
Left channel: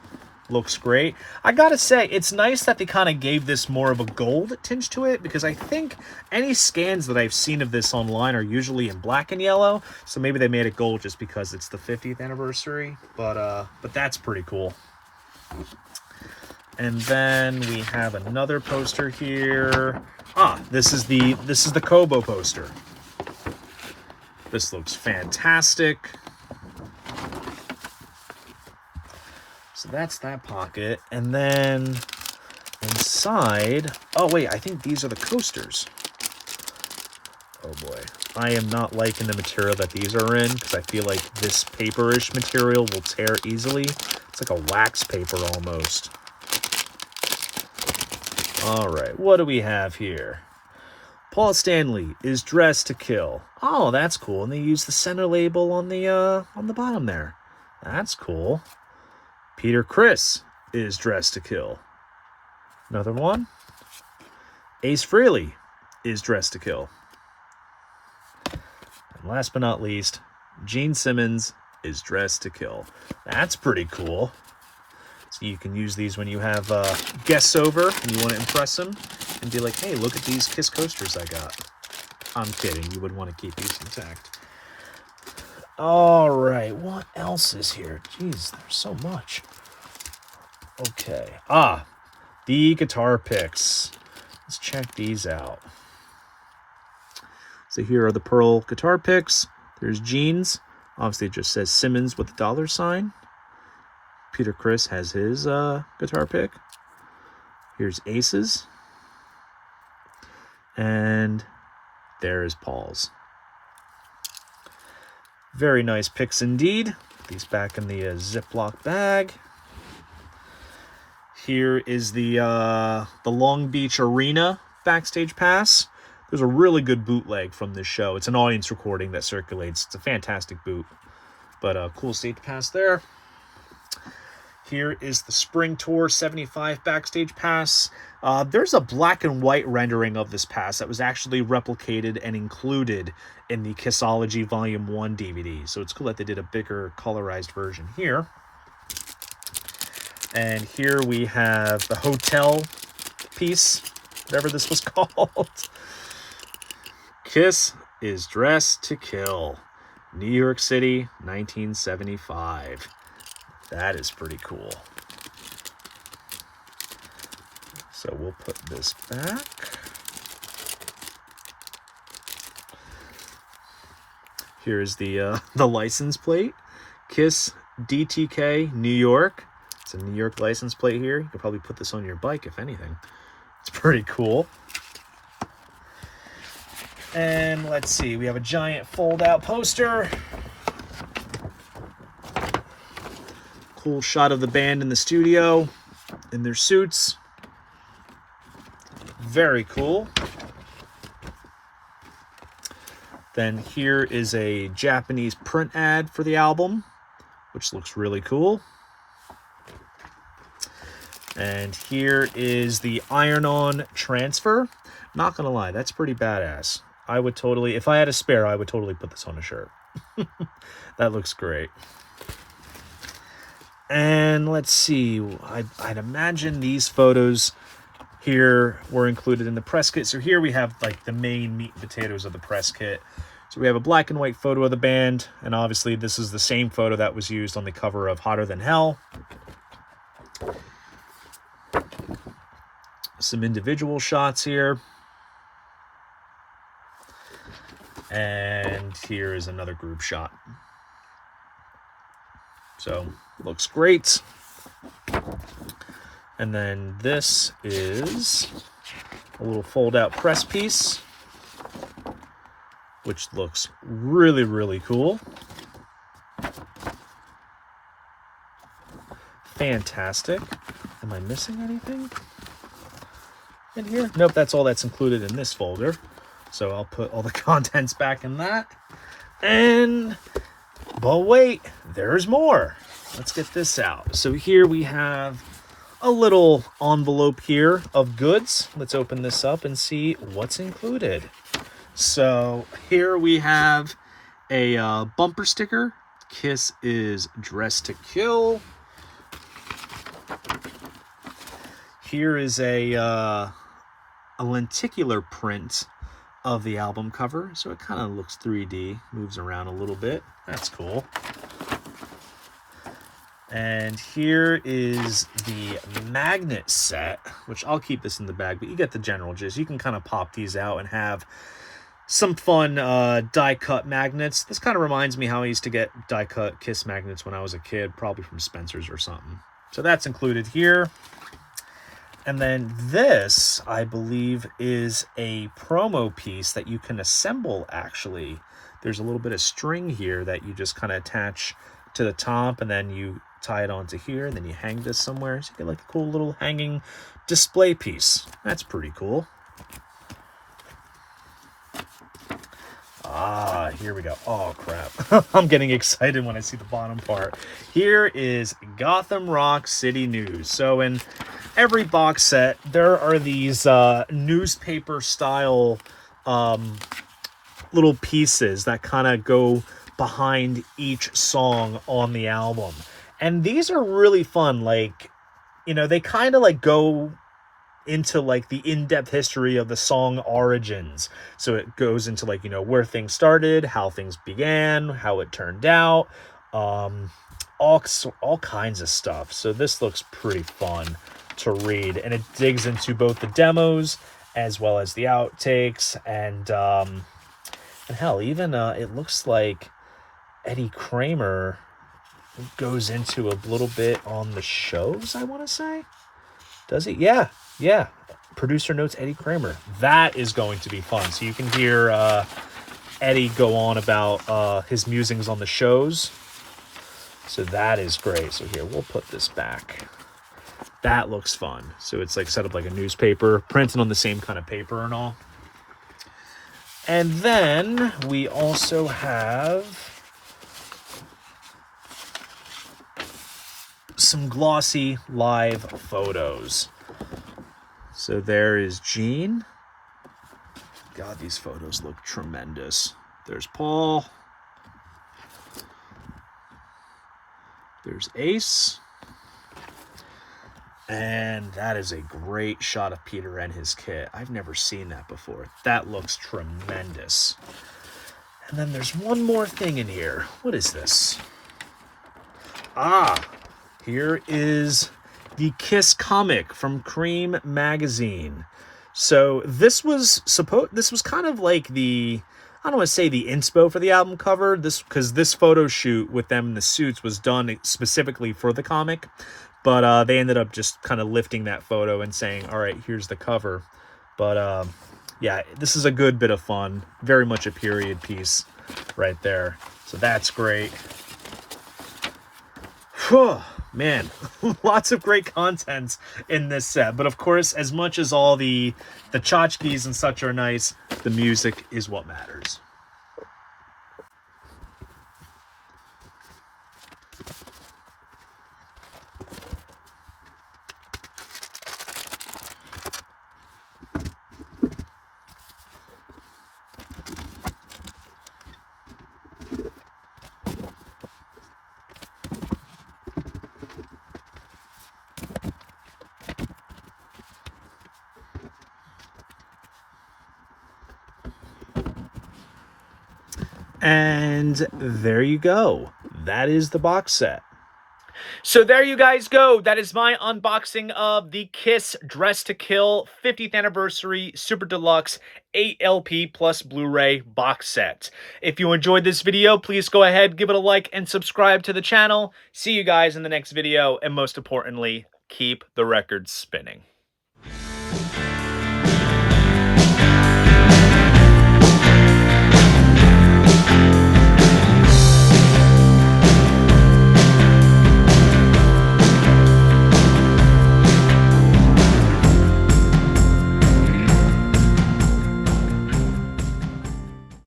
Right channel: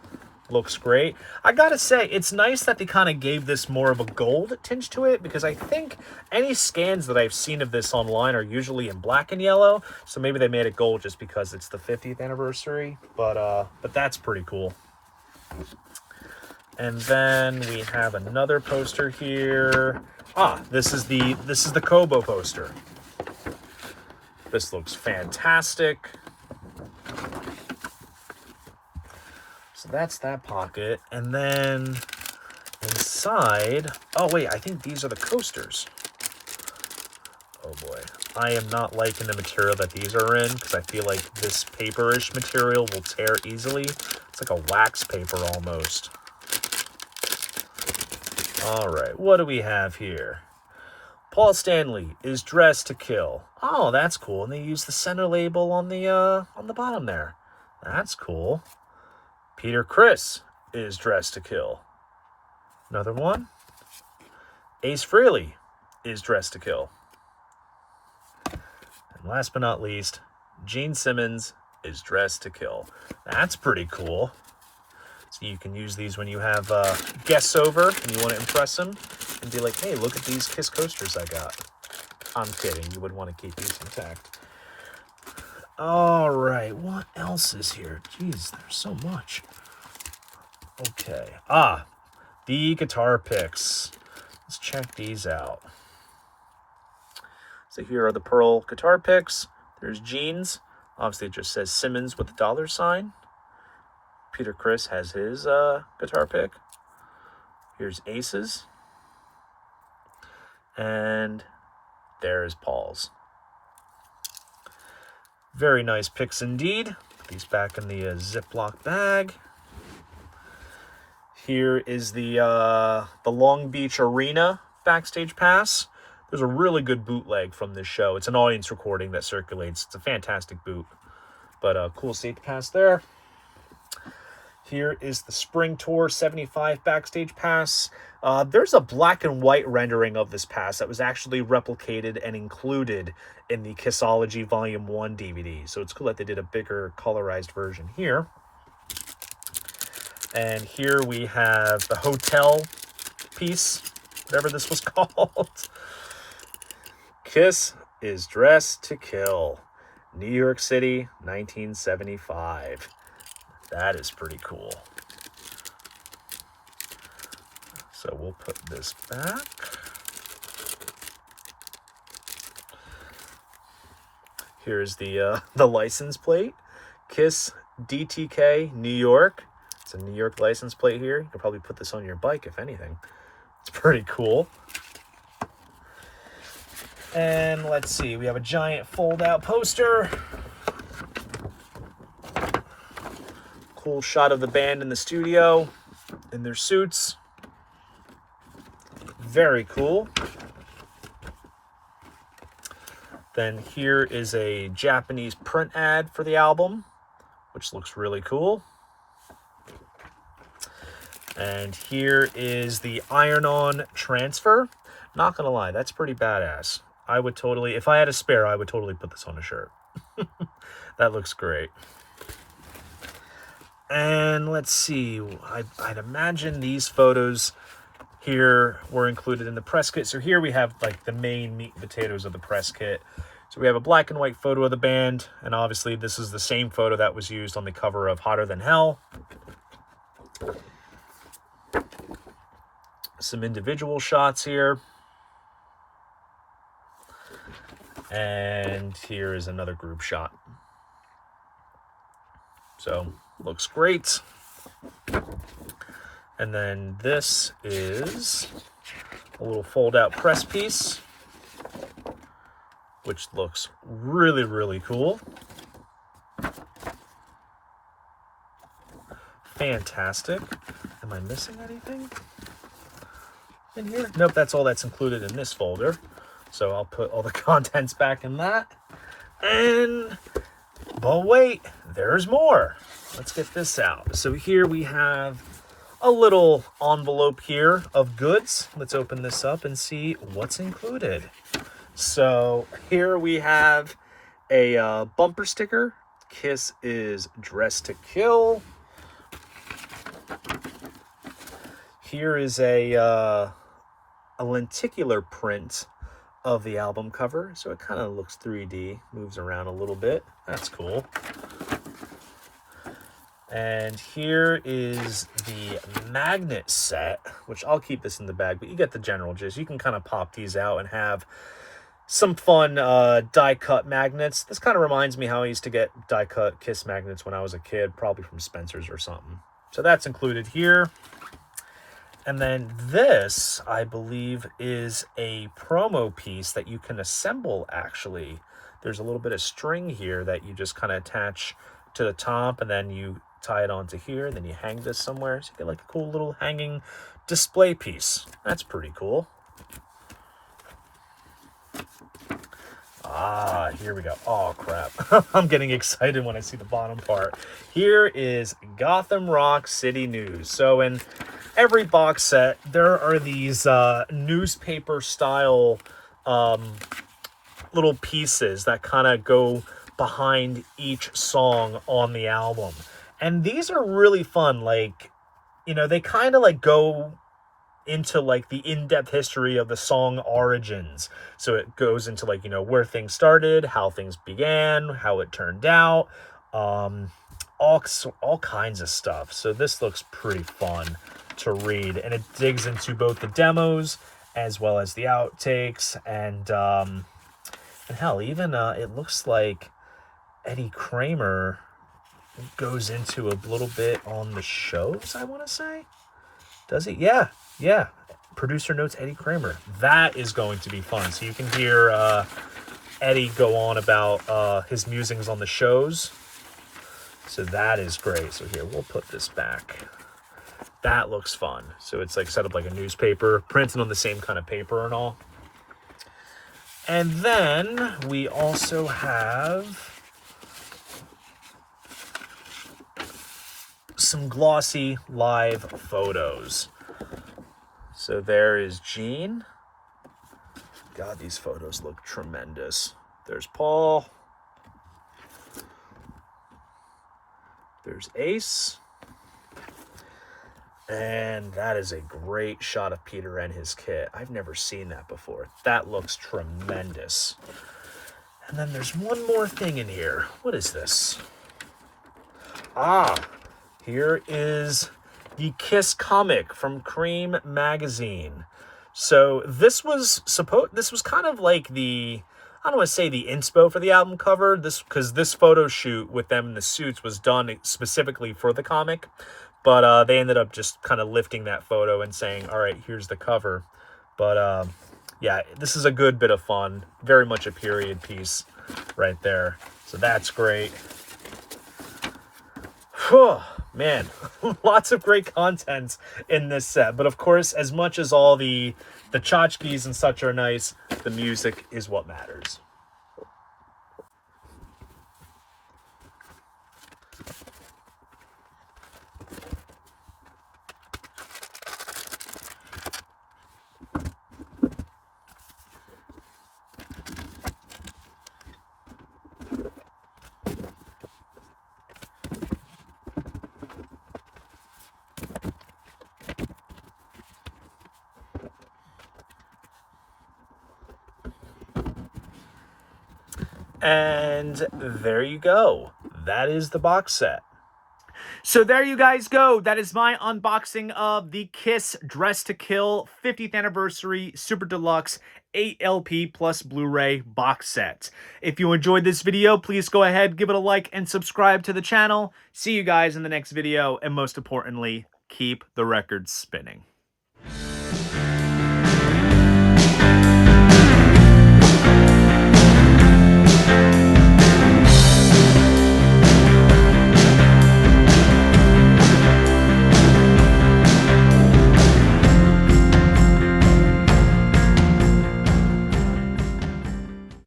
Looks great. I gotta say, it's nice that they kind of gave this more of a gold tinge to it, because I think any scans that I've seen of this online are usually in black and yellow. So maybe they made it gold just because it's the 50th anniversary. But that's pretty cool. And then we have another poster here. This is the Kobo poster. This looks fantastic. So that's that pocket. And then inside, oh wait, I think these are the coasters. Oh boy. I am not liking the material that these are in, because I feel like this paperish material will tear easily. It's like a wax paper almost. All right, what do we have here? Paul Stanley is dressed to kill. Oh, that's cool. And they use the center label on the bottom there. That's cool. Peter Criss is dressed to kill. Another one. Ace Frehley is dressed to kill. And last but not least, Gene Simmons is dressed to kill. That's pretty cool. So you can use these when you have guests over and you want to impress them and be like, hey, look at these Kiss coasters I got. I'm kidding. You would want to keep these intact. All right. What else is here? Jeez, there's so much. Okay. The guitar picks. Let's check these out. So here are the Pearl guitar picks. There's Gene's. Obviously, it just says Simmons with the $sign. Peter Criss has his guitar pick. Here's Ace's. And there is Paul's. Very nice picks indeed. Put these back in the Ziploc bag. Here is the Long Beach Arena backstage pass. There's a really good bootleg from this show. It's an audience recording that circulates. It's a fantastic boot. But cool state pass there. Here is the Spring Tour 75 backstage pass. There's a black and white rendering of this pass that was actually replicated and included in the Kissology Volume 1 DVD. So it's cool that they did a bigger colorized version here. And here we have the hotel piece, whatever this was called. Kiss is dressed to kill. New York City, 1975. That is pretty cool. So we'll put this back. Here's the license plate. Kiss DTK New York. It's a New York license plate here. You could probably put this on your bike, if anything. It's pretty cool. And let's see, we have a giant fold-out poster. Cool shot of the band in the studio in their suits. Very cool. Then here is a Japanese print ad for the album, which looks really cool. And here is the iron-on transfer. Not gonna lie, that's pretty badass. I would totally, if I had a spare, I would totally put this on a shirt. That looks great. And let's see, I'd imagine these photos here were included in the press kit. So here we have like the main meat and potatoes of the press kit. So we have a black and white photo of the band, and obviously this is the same photo that was used on the cover of Hotter Than Hell. Some individual shots here. And here is another group shot. So, looks great. And then this is a little fold-out press piece, which looks really, really cool. Fantastic. Am I missing anything in here? Nope, that's all that's included in this folder. So I'll put all the contents back in that. And, but wait, there's more. Let's get this out. So here we have a little envelope here of goods. Let's open this up and see what's included. So here we have a bumper sticker. Kiss is Dressed to Kill. Here is a lenticular print of the album cover. So it kind of looks 3D, moves around a little bit. That's cool. And here is the magnet set, which I'll keep this in the bag, but you get the general gist. You can kind of pop these out and have some fun die-cut magnets. This kind of reminds me how I used to get die-cut Kiss magnets when I was a kid, probably from Spencer's or something. So that's included here. And then this, I believe, is a promo piece that you can assemble, actually. There's a little bit of string here that you just kind of attach to the top, and then you tie it onto here, and then you hang this somewhere. So you get like a cool little hanging display piece. That's pretty cool. Ah, here we go. Oh, crap. I'm getting excited when I see the bottom part. Here is Gotham Rock City News. So in every box set, there are these newspaper-style little pieces that kind of go behind each song on the album. And these are really fun. Like, you know, they kind of like go into like the in-depth history of the song origins. So it goes into like, you know, where things started, how things began, how it turned out, all kinds of stuff. So this looks pretty fun to read, and it digs into both the demos as well as the outtakes, and hell, even it looks like Eddie Kramer goes into a little bit on the shows, I want to say. Does he? Yeah. Producer notes Eddie Kramer. That is going to be fun. So you can hear Eddie go on about his musings on the shows. So that is great. So here, we'll put this back. That looks fun. So it's like set up like a newspaper, printed on the same kind of paper and all. And then we also have some glossy live photos. So there is Gene. God, these photos look tremendous. There's Paul. There's Ace. And that is a great shot of Peter and his kit. I've never seen that before. That looks tremendous. And then there's one more thing in here. What is this? Ah, here is the Kiss comic from Cream magazine. So this was kind of like the, I don't want to say the inspo for the album cover, because this photo shoot with them in the suits was done specifically for the comic, but they ended up just kind of lifting that photo and saying, all right, here's the cover. But yeah, this is a good bit of fun. Very much a period piece right there. So that's great. Whew, man, lots of great content in this set. But of course, as much as all the tchotchkes and such are nice, the music is what matters. And there you go. That is the box set. So there you guys go. That is my unboxing of the Kiss Dress to Kill 50th Anniversary Super Deluxe 8LP plus Blu-ray box set. If you enjoyed this video, please go ahead, give it a like, and subscribe to the channel. See you guys in the next video, and most importantly, keep the records spinning.